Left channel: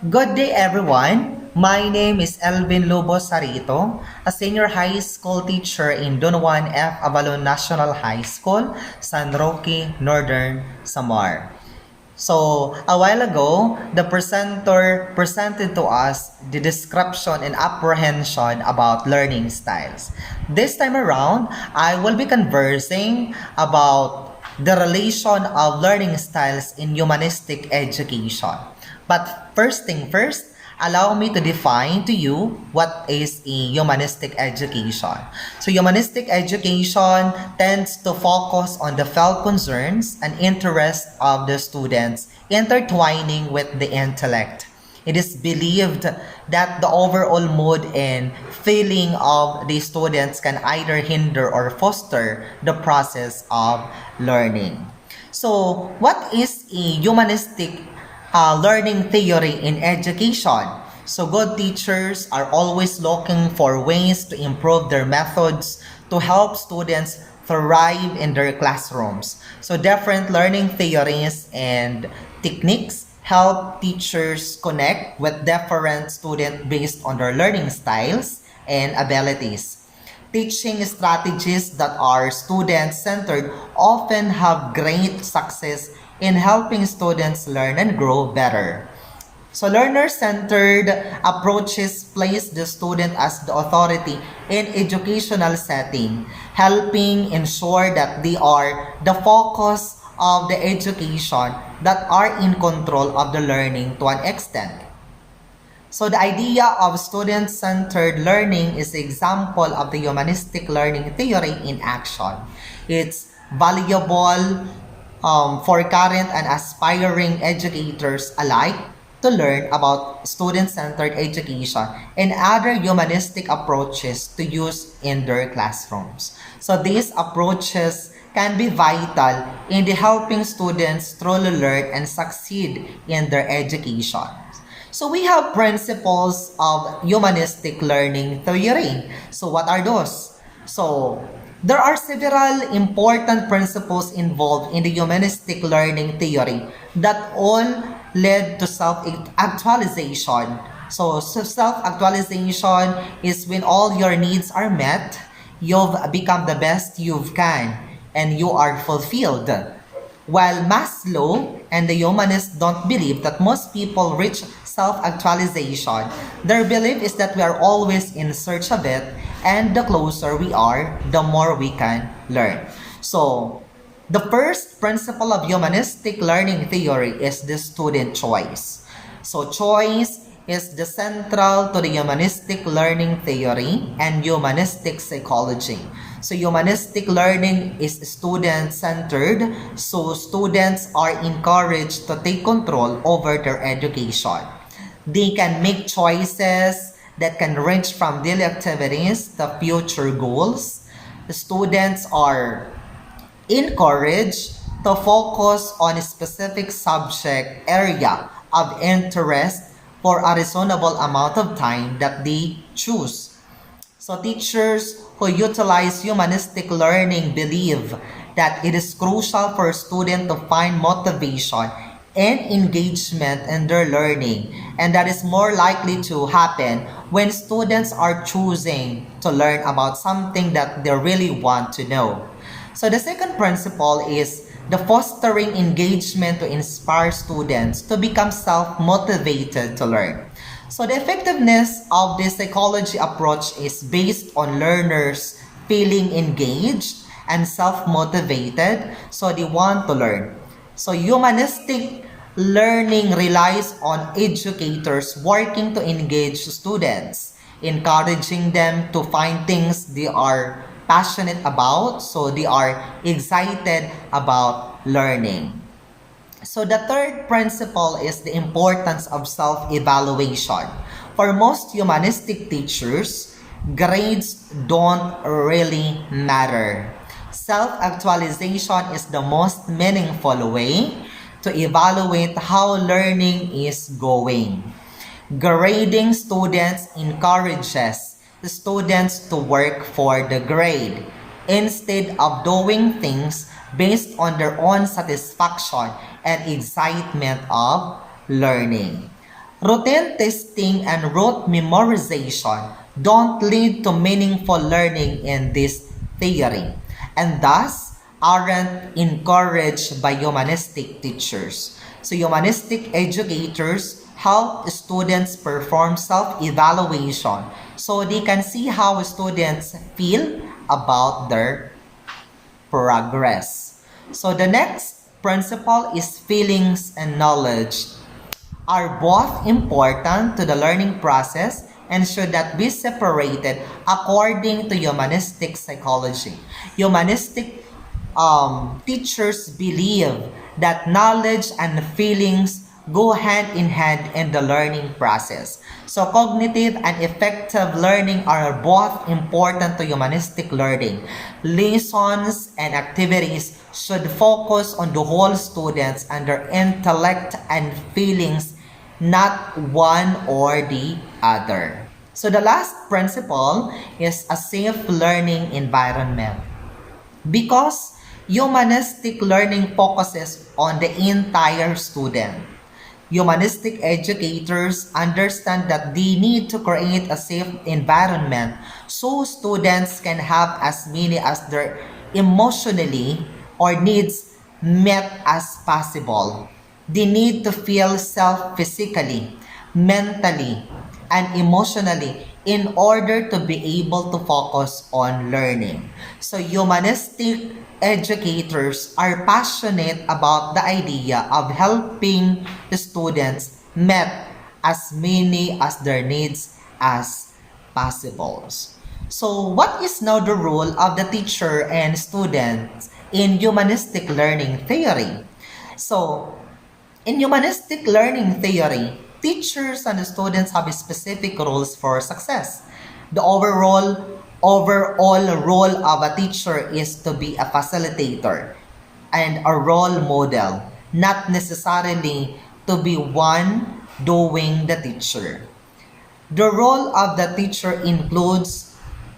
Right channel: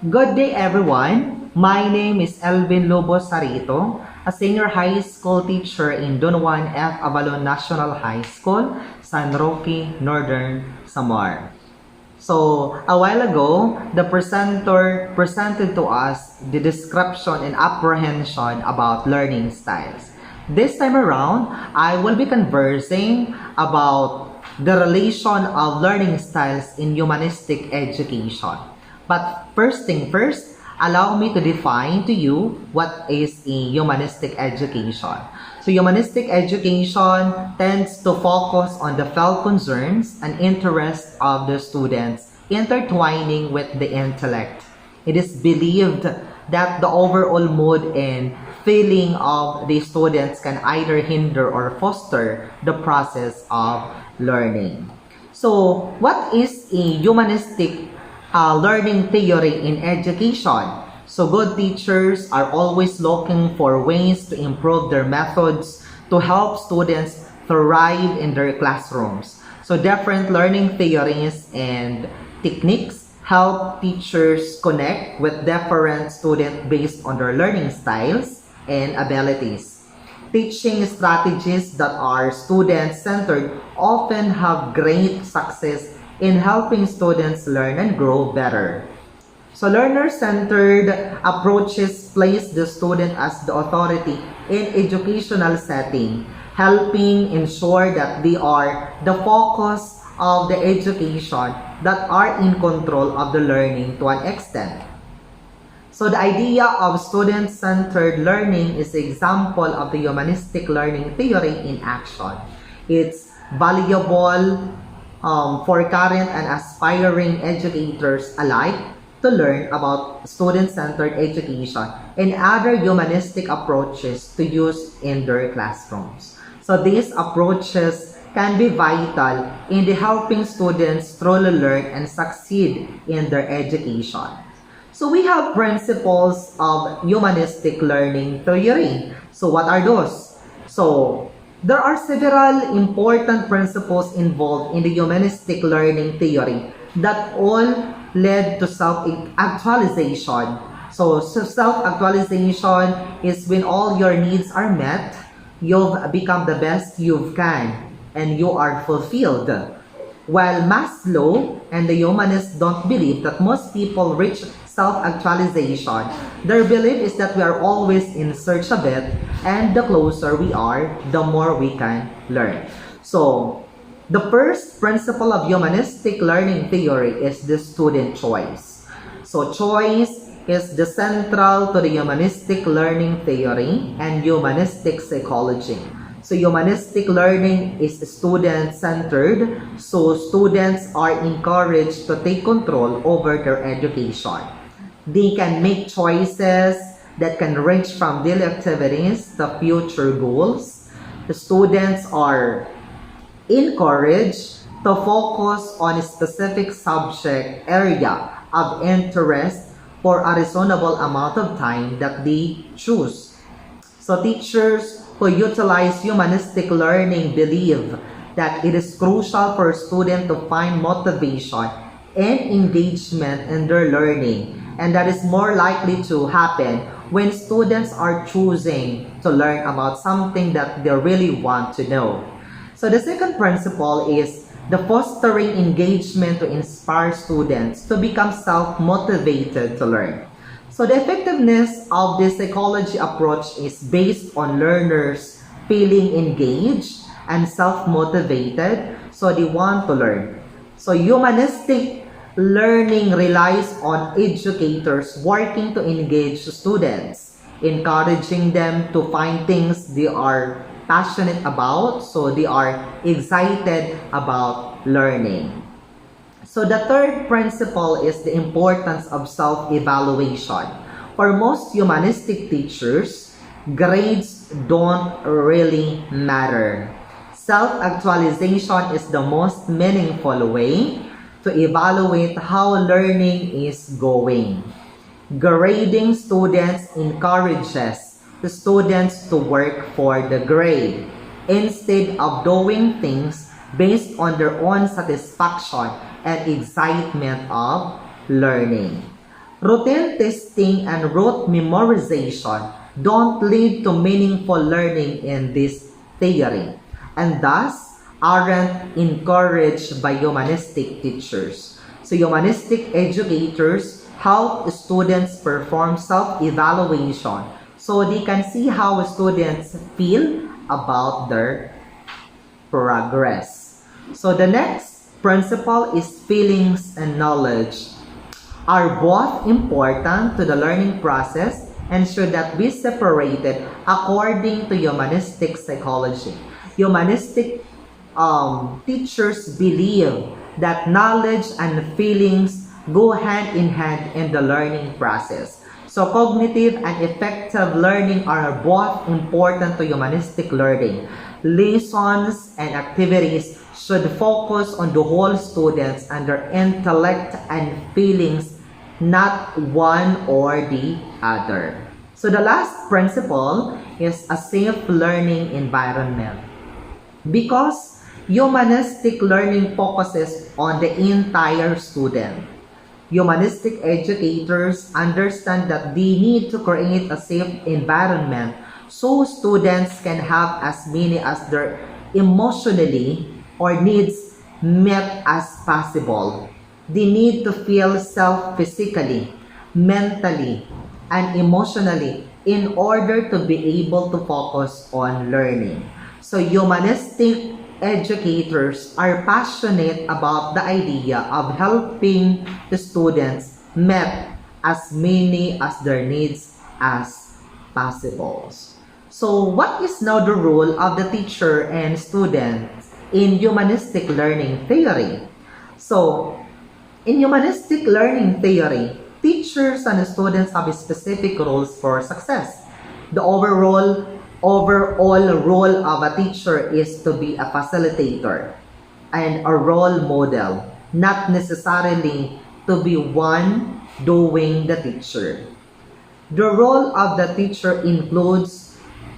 Good day everyone. My name is Elvin Lobos Sarito, a senior high school teacher in Don Juan F. Avalon National High School, San Roque, Northern Samar. So, a while ago, the presenter presented to us the description and apprehension about learning styles. This time around, I will be conversing about the relation of learning styles in humanistic education. But first thing first, allow me to define to you what is a humanistic education. So humanistic education tends to focus on the felt concerns and interests of the students intertwining with the intellect. It is believed that the overall mood and feeling of the students can either hinder or foster the process of learning. So, what is a humanistic learning theory in education? So good teachers are always looking for ways to improve their methods to help students thrive in their classrooms. So different learning theories and techniques help teachers connect with different students based on their learning styles and abilities. Teaching strategies that are student-centered often have great success in helping students learn and grow better. So learner-centered approaches place the student as the authority in educational setting, helping ensure that they are the focus of the education, that are in control of the learning to an extent. So the idea of student-centered learning is an example of the humanistic learning theory in action. It's valuable for current and aspiring educators alike to learn about student-centered education and other humanistic approaches to use in their classrooms. So these approaches can be vital in the helping students truly learn and succeed in their education. So we have principles of humanistic learning theory. So what are those? So there are several important principles involved in the humanistic learning theory that all led to self-actualization. So self-actualization is when all your needs are met, you've become the best you can, and you are fulfilled. While Maslow and the humanists don't believe that most people reach self-actualization, their belief is that we are always in search of it, and the closer we are, the more we can learn. So, the first principle of humanistic learning theory is the student choice. So, choice is the central to the humanistic learning theory and humanistic psychology. So humanistic learning is student-centered, so students are encouraged to take control over their education. They can make choices that can range from daily activities to future goals. The students are encouraged to focus on a specific subject area of interest for a reasonable amount of time that they choose. So teachers who utilize humanistic learning believe that it is crucial for students to find motivation and engagement in their learning, and that is more likely to happen when students are choosing to learn about something that they really want to know. So the second principle is the fostering engagement to inspire students to become self-motivated to learn. So the effectiveness of this psychology approach is based on learners feeling engaged and self-motivated, so they want to learn. So humanistic learning relies on educators working to engage students, encouraging them to find things they are passionate about, so they are excited about learning. So the third principle is the importance of self-evaluation. For most humanistic teachers, grades don't really matter. Self-actualization is the most meaningful way to evaluate how learning is going. Grading students encourages the students to work for the grade instead of doing things based on their own satisfaction and excitement of learning. Routine testing and rote memorization don't lead to meaningful learning in this theory, and thus aren't encouraged by humanistic teachers. So humanistic educators help students perform self-evaluation so they can see how students feel about their progress. So the next principle is feelings and knowledge are both important to the learning process and should not be separated according to humanistic psychology. Humanistic teachers believe that knowledge and feelings go hand in hand in the learning process. So cognitive and effective learning are both important to humanistic learning. Lessons and activities should focus on the whole students and their intellect and feelings, not one or the other. So the last principle is a safe learning environment. Because humanistic learning focuses on the entire student, humanistic educators understand that they need to create a safe environment so students can have as many as their emotionally or needs met as possible. They need to feel self physically, mentally, and emotionally in order to be able to focus on learning. So humanistic educators are passionate about the idea of helping the students met as many as their needs as possible. So what is now the role of the teacher and students in humanistic learning theory? So in humanistic learning theory, teachers and students have specific roles for success. The overall role of a teacher is to be a facilitator and a role model, not necessarily to be one doing the teacher. The role of the teacher includes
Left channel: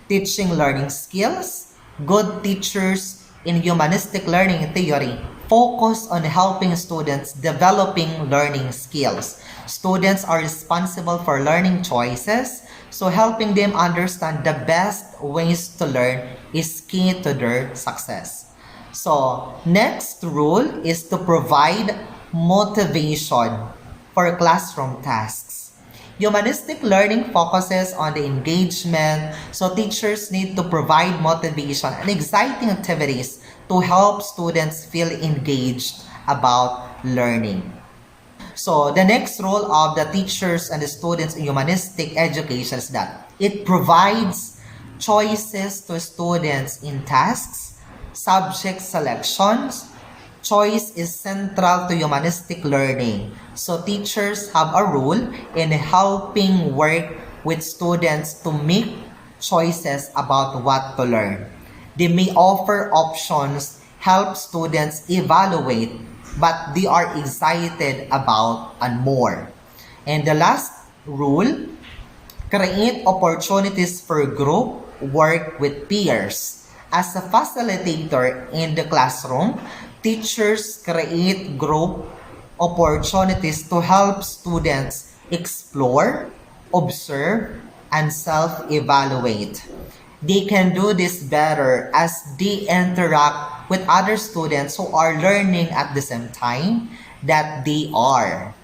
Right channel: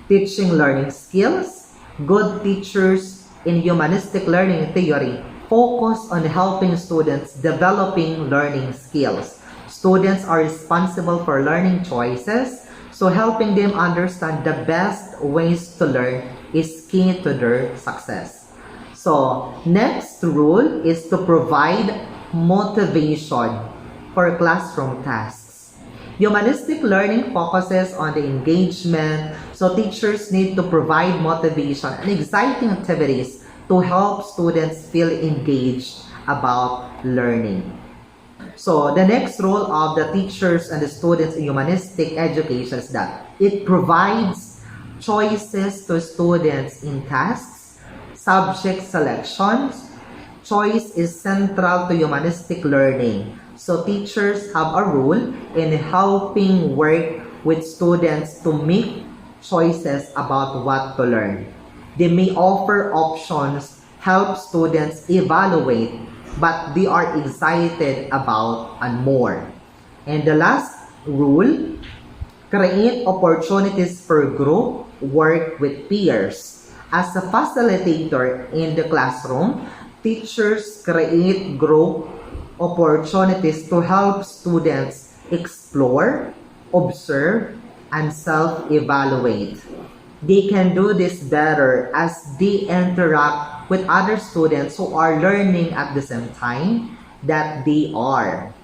teaching learning skills. Good teachers in humanistic learning theory focus on helping students developing learning skills. Students are responsible for learning choices, so helping them understand the best ways to learn is key to their success. So, next rule is to provide motivation for classroom tasks. Humanistic learning focuses on the engagement, so teachers need to provide motivation and exciting activities to help students feel engaged about learning. So the next role of the teachers and the students in humanistic education is that it provides choices to students in tasks, subject selections. Choice is central to humanistic learning. So teachers have a role in helping work with students to make choices about what to learn. They may offer options, help students evaluate, but they are excited about and more. And the last rule, create opportunities for group work with peers. As a facilitator in the classroom, teachers create group opportunities to help students explore, observe, and self-evaluate. They can do this better as they interact with other students who are learning at the same time that they are.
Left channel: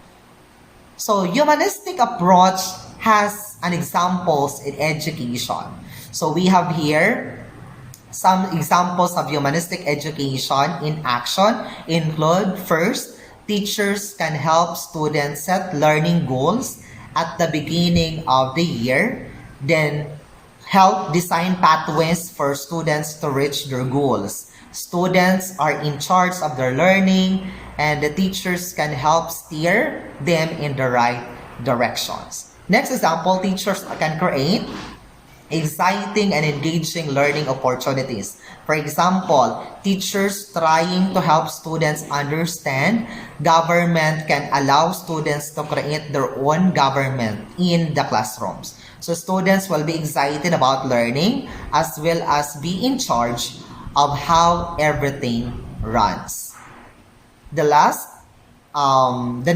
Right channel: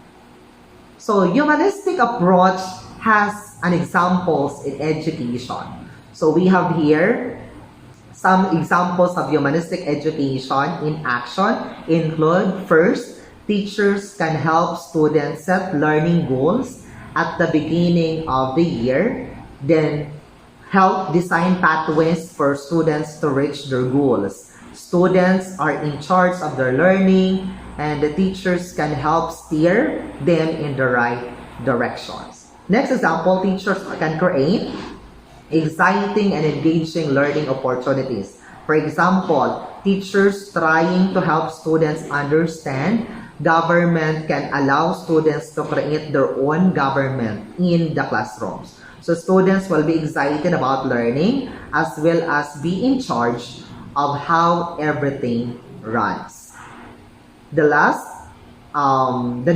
So humanistic approach has an examples in education. So we have here some examples of humanistic education in action include: first, teachers can help students set learning goals at the beginning of the year, then help design pathways for students to reach their goals. Students are in charge of their learning, and the teachers can help steer them in the right directions. Next example, teachers can create exciting and engaging learning opportunities. For example, teachers trying to help students understand government can allow students to create their own government in the classrooms. So students will be excited about learning as well as be in charge of how everything runs. The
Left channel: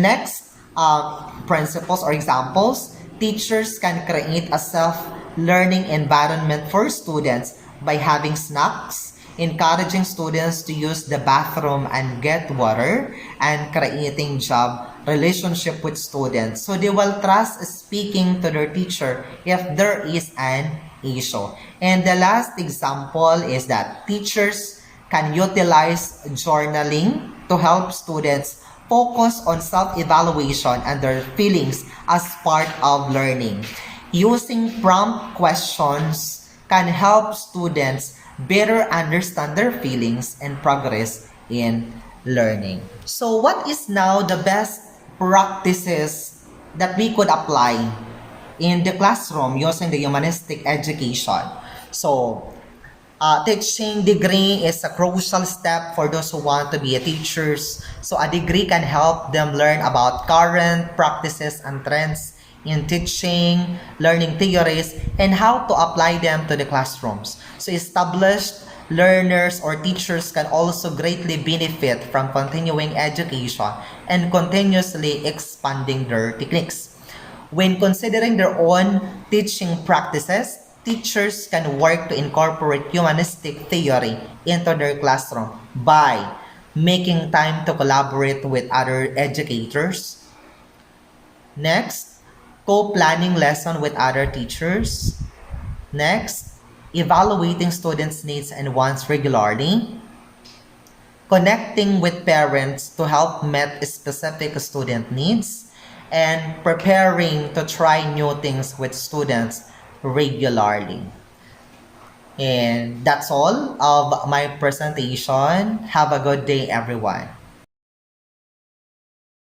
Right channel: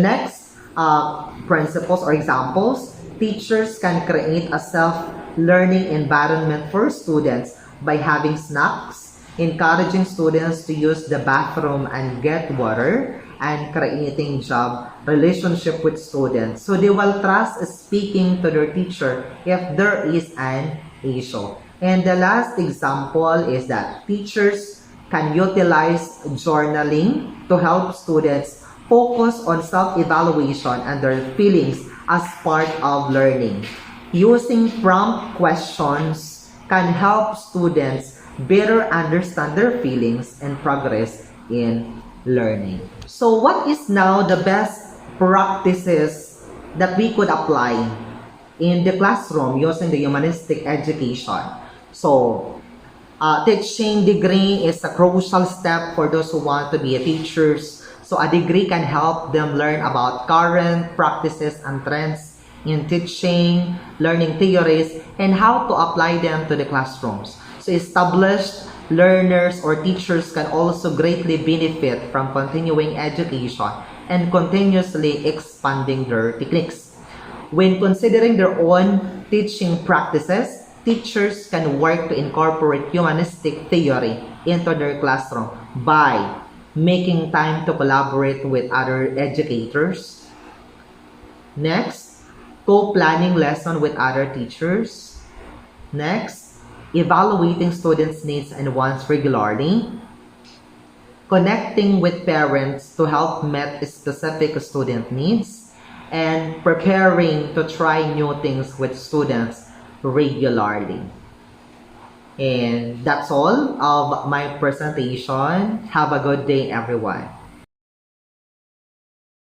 next principles or examples, teachers can create a self-learning environment for students by having snacks, encouraging students to use the bathroom and get water, and creating job relationship with students. So they will trust speaking to their teacher if there is an issue. And the last example is that teachers can utilize journaling to help students focus on self-evaluation and their feelings as part of learning. Using prompt questions can help students better understand their feelings and progress in learning. So what is now the best practices that we could apply in the classroom using the humanistic education? So teaching degree is a crucial step for those who want to be a teachers. So a degree can help them learn about current practices and trends in teaching, learning theories, and how to apply them to the classrooms. So established learners or teachers can also greatly benefit from continuing education and continuously expanding their techniques. When considering their own teaching practices, teachers can work to incorporate humanistic theory into their classroom by making time to collaborate with other educators. Next, co-planning lesson with other teachers. Next, evaluating students' needs and wants regularly. Connecting with parents to help meet specific student needs, and preparing to try new things with students regularly. And that's all of my presentation. Have a good day, everyone.